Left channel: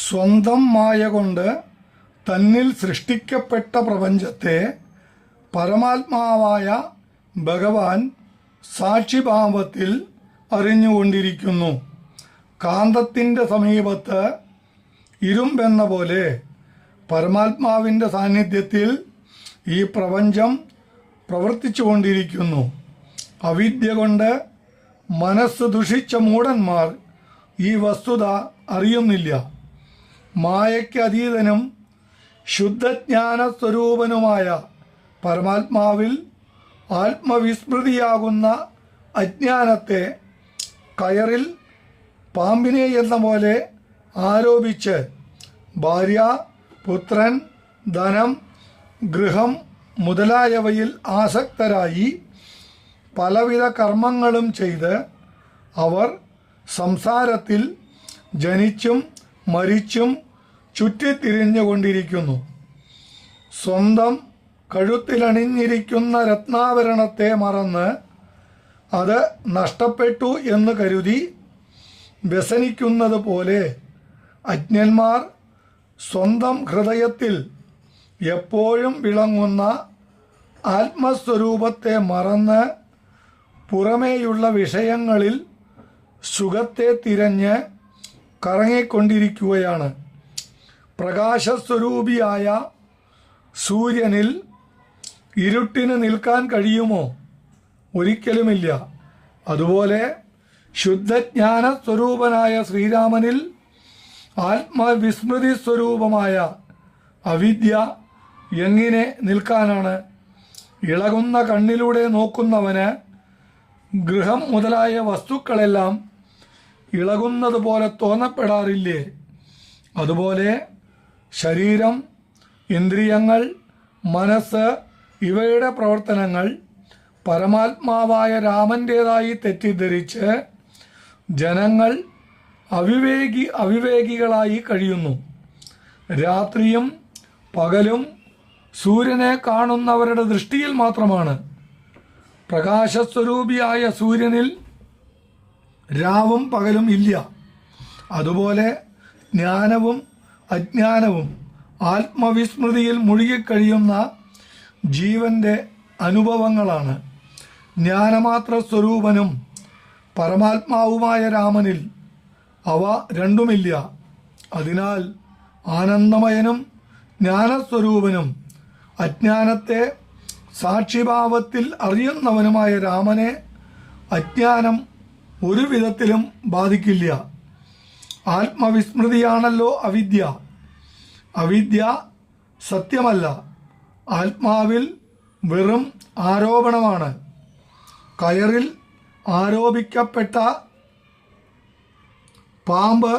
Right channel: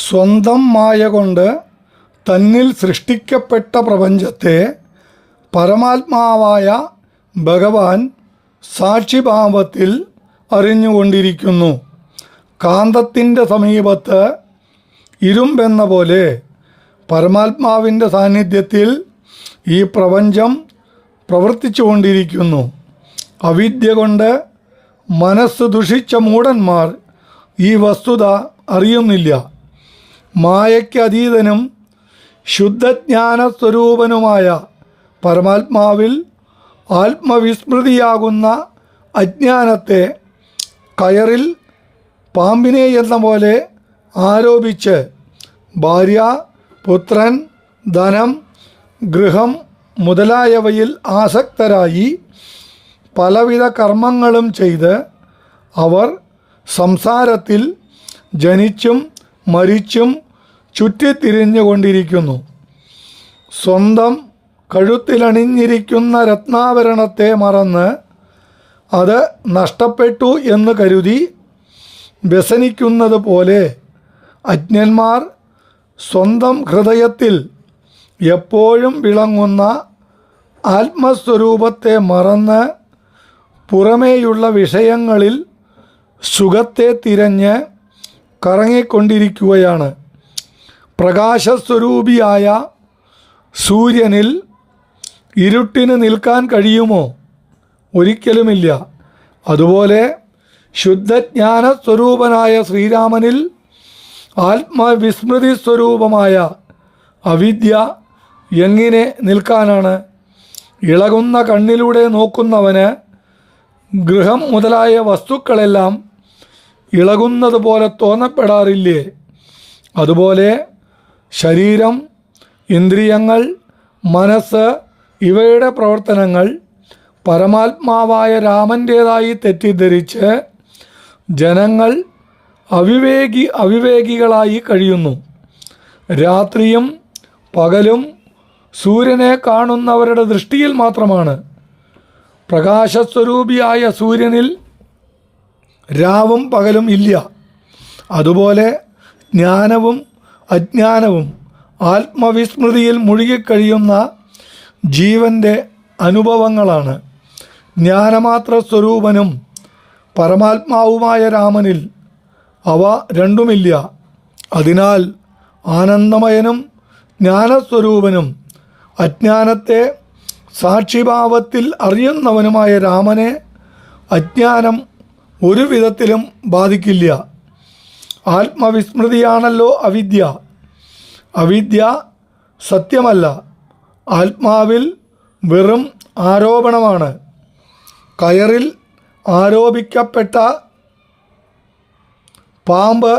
സ്വന്തം മായ കൊണ്ട് തന്നിൽ സൃഷ്ടിക്കപ്പെട്ട പ്രപഞ്ചത്തെ പരമാത്മാവായ ഭഗവാൻ സാക്ഷിഭാവത്തിൽ അറിഞ്ഞുകൊണ്ടിരിക്കുന്നു. കാന്തത്തിൻ്റെ സമീപത്ത് ഇരുമ്പെന്ന പോലെ പരമാത്മാവിൻ്റെ സാന്നിധ്യത്തിൽ ഈ പ്രപഞ്ചം പ്രവർത്തിച്ചു കൊണ്ടിരിക്കുന്നു. അവിദ്യ കൊണ്ട് മനസ്സ് ദുഷിച്ച മൂഢന്മാർ ഈ വസ്തുത അറിയുന്നില്ല. മായയ്ക്ക് അതീതനും ശുദ്ധജ്ഞാന സ്വരൂപനുമായ പരമാത്മാവിൽ ആത്മവിസ്മൃതിയാകുന്ന അജ്ഞാനത്തെ കയറിൽ പാമ്പിനെ എന്ന പോലെ ആരോപിച്ച് ഭാര്യ, പുത്രൻ, ധനം, ഗൃഹം മുതലായവയിൽ ആസക്തരായി പലവിധ കർമ്മങ്ങളും ചെയ്ത് അവർ സംസാരത്തിൽ ജനിച്ചും മരിച്ചും ചുറ്റിത്തിരിഞ്ഞുകൊണ്ടിരിക്കുന്നു. സ്വന്തം കഴുത്തിലണിഞ്ഞിരിക്കുന്ന രത്നാഭരണത്തെ മറന്ന് അത് നഷ്ടപ്പെട്ടു എന്ന് കരുതി വ്യസനിക്കുന്നത് പോലെ അജ്ഞന്മാർ സ്വന്തം ഹൃദയത്തിൽ എപ്പോഴും വിളങ്ങുന്ന ആത്മസ്വരൂപത്തെ മറന്ന് പുറമേയുള്ള വിഷയങ്ങളിൽ സുഖത്തെ തിരഞ്ഞ് കറങ്ങിക്കൊണ്ടിരിക്കുകയാണ്. പ്രകാശസ്വരൂപിയായ സൂര്യനിൽ ഇരുട്ടിന് നിൽക്കാൻ കഴിയുമോ? ഒരിക്കലുമില്ല. അതുപോലെ ശുദ്ധജ്ഞാന സ്വരൂപനായ ശ്രീരാമനിൽ ആത്മവിസ്മൃതി സ്വരൂപമായ അവിദ്യ എങ്ങനെ നിൽക്കാനാണ്? ഇളകുന്ന കണ്ണിലൂടെ നോക്കുന്നവന് ഗൃഹം മുതലായ വസ്തുക്കളെല്ലാം ഇളകുന്നത് പോലെ തോന്നപ്പെടാറില്ലേ? അതുപോലെ ശരീരം, ഇന്ദ്രിയങ്ങൾ, മനസ്സ് ഇവയുടെ പ്രവർത്തനങ്ങൾ പരമാത്മാവായ രാമൻ്റേതായി തെറ്റിദ്ധരിച്ച് ജനങ്ങൾ അവിവേകികളായി കഴിയുന്നു. രാത്രിയും പകലും സൂര്യനെ കാണുന്നവരുടെ ദൃഷ്ടിയിൽ മാത്രമാണ്. പ്രകാശസ്വരൂപിയായ സൂര്യനിൽ രാവും പകലും ഇല്ല. അതുപോലെ ജ്ഞാനവും അജ്ഞാനവും ആത്മവിസ്മൃതിയിൽ മുഴുകിക്കഴിയുന്ന ജീവൻ്റെ അനുഭവങ്ങളാണ്. ജ്ഞാനമാത്ര സ്വരൂപനും പരമാത്മാവുമായ രാമനിൽ അവ രണ്ടുമില്ല. അതിനാൽ ആനന്ദമയനും ജ്ഞാനസ്വരൂപനും അജ്ഞാനത്തെ സാക്ഷിഭാവത്തിൽ അറിയുന്നവനുമായ രാമനെ അജ്ഞാനം ഒരു വിധത്തിലും ബാധിക്കില്ല. ആത്മവിസ്മൃതിയാണല്ലോ അവിദ്യ. അവിദ്യ സത്യമല്ല, ആത്മാവിൽ വെറും ആരോപണമാണ്. കയറിൽ ആരോപിക്കപ്പെട്ട പാമ്പ്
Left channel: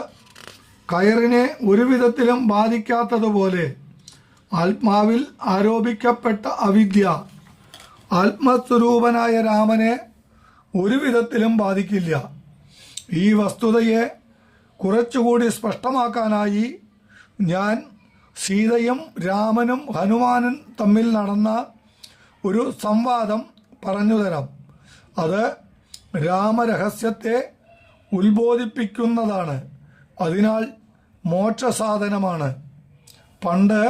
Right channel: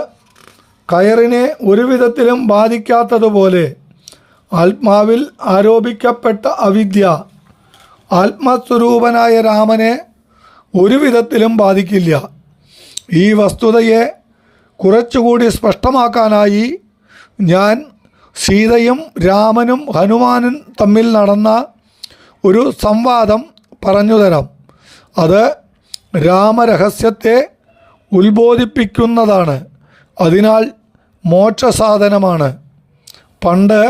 കയറിനെ ഒരു വിധത്തിലും ബാധിക്കാത്തതുപോലെ ആത്മാവിൽ ആരോപിക്കപ്പെട്ട അവിദ്യ ആത്മസ്വരൂപനായ രാമനെ ഒരു വിധത്തിലും ബാധിക്കില്ല. ഈ വസ്തുതയെ കുറച്ചുകൂടി സ്പഷ്ടമാക്കാനായി ഞാൻ സീതയും രാമനും ഹനുമാനും തമ്മിൽ നടന്ന ഒരു സംവാദം പറഞ്ഞുതരാം. അത് രാമരഹസ്യത്തെ ഉത്ബോധിപ്പിക്കുന്നതാണ്. അതിനാൽ മോക്ഷസാധനമാണ്. പണ്ട്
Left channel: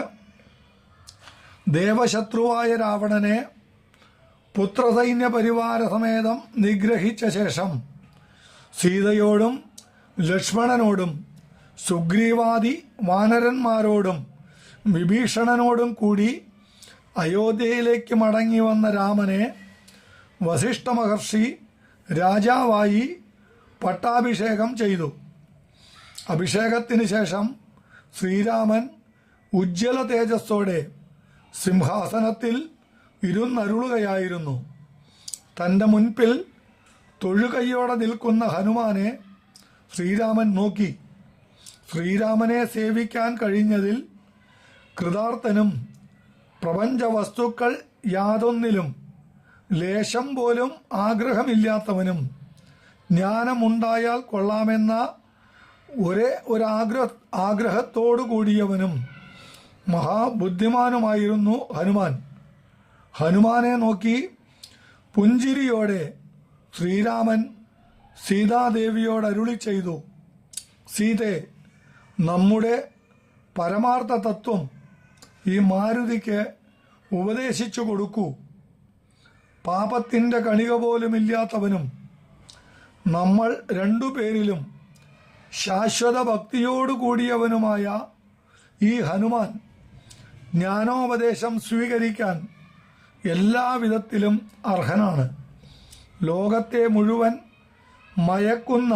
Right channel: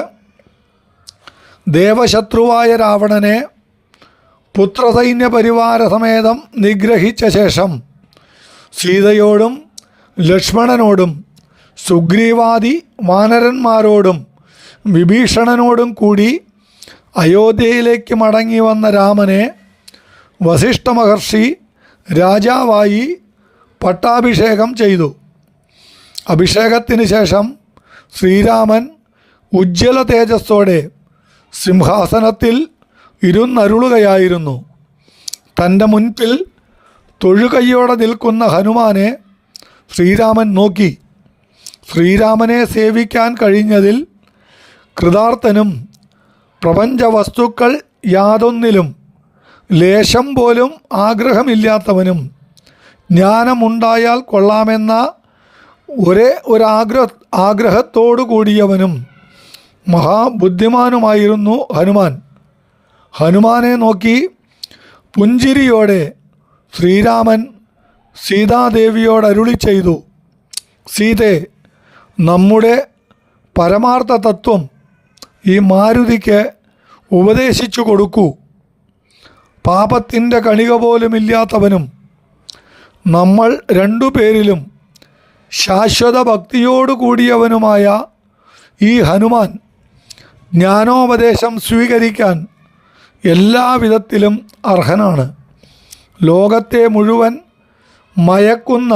ദേവശത്രുവായ രാവണനെ പുത്രസൈന്യ പരിവാര സമേതം നിഗ്രഹിച്ച ശേഷം സീതയോടും ലക്ഷ്മണനോടും സുഗ്രീവാദി വാനരന്മാരോടും വിഭീഷണനോടും കൂടി അയോധ്യയിലേക്ക് മടങ്ങി വന്ന രാമനെ വസിഷ്ഠ മഹർഷി രാജാവായി പട്ടാഭിഷേകം ചെയ്തു. അഭിഷേകത്തിന് ശേഷം ശ്രീരാമൻ ഉജ്ജ്വല തേജസ്സോടെ സിംഹാസനത്തിൽ ഇരുന്നരുളുകയായിരുന്നു. തൻ്റെ മുൻപിൽ തൊഴുകൈയോടെ നിൽക്കുന്ന ഹനുമാനെ ശ്രീരാമൻ നോക്കി. ശ്രീരാമനെ സേവിക്കാൻ കഴിഞ്ഞതിൽ കൃതാർത്ഥനും പ്രപഞ്ച വസ്തുക്കൾ യാതൊന്നിലും ലേശം പോലും ആഗ്രഹമില്ലാത്തവനും ജ്ഞാനമുണ്ടായാൽ കൊള്ളാമെന്ന ഒരേ ആഗ്രഹത്തോടു കൂടിയവനും മഹാബുദ്ധിമാനുമായിരുന്നു ഹനുമാൻ. ഹനുമാനെ നോക്കി പുഞ്ചിരിയോടെ ശ്രീരാമൻ സീതാദേവിയോട് അരുളി ചെയ്തു: സീതേ, നമ്മുടെ പരമാർത്ഥ തത്വം ഈ മാരുതിക്ക് ഉപദേശിച്ചു കൊടുക്കൂ. പാപത്തിൻ്റെ കണിക പോലുമില്ലാത്തവനും നമ്മൾ രണ്ടുപേരിലും ശാശ്വത ഭക്തിയോടു കൂടിയവനുമായ ഈ ഹനുമാൻ ജ്ഞാനോപദേശം സ്വീകരിക്കാൻ എല്ലാവിധത്തിലും അർഹനാണ്. ലോകത്തെ മുഴുവൻ മയക്കുന്ന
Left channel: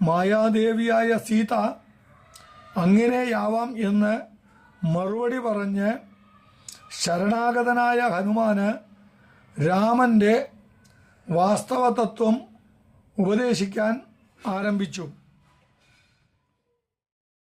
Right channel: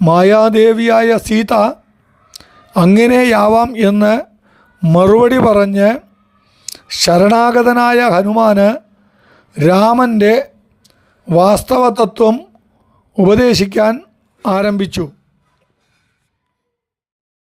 മായാദേവിയായ സീത അങ്ങനെയാവാം എന്ന് മറുപടി പറഞ്ഞ് ശരണാഗതനായ ഹനുമാന് രാമൻ്റെ വാസ്തവതത്വം ഉപദേശിക്കാൻ ആരംഭിച്ചു.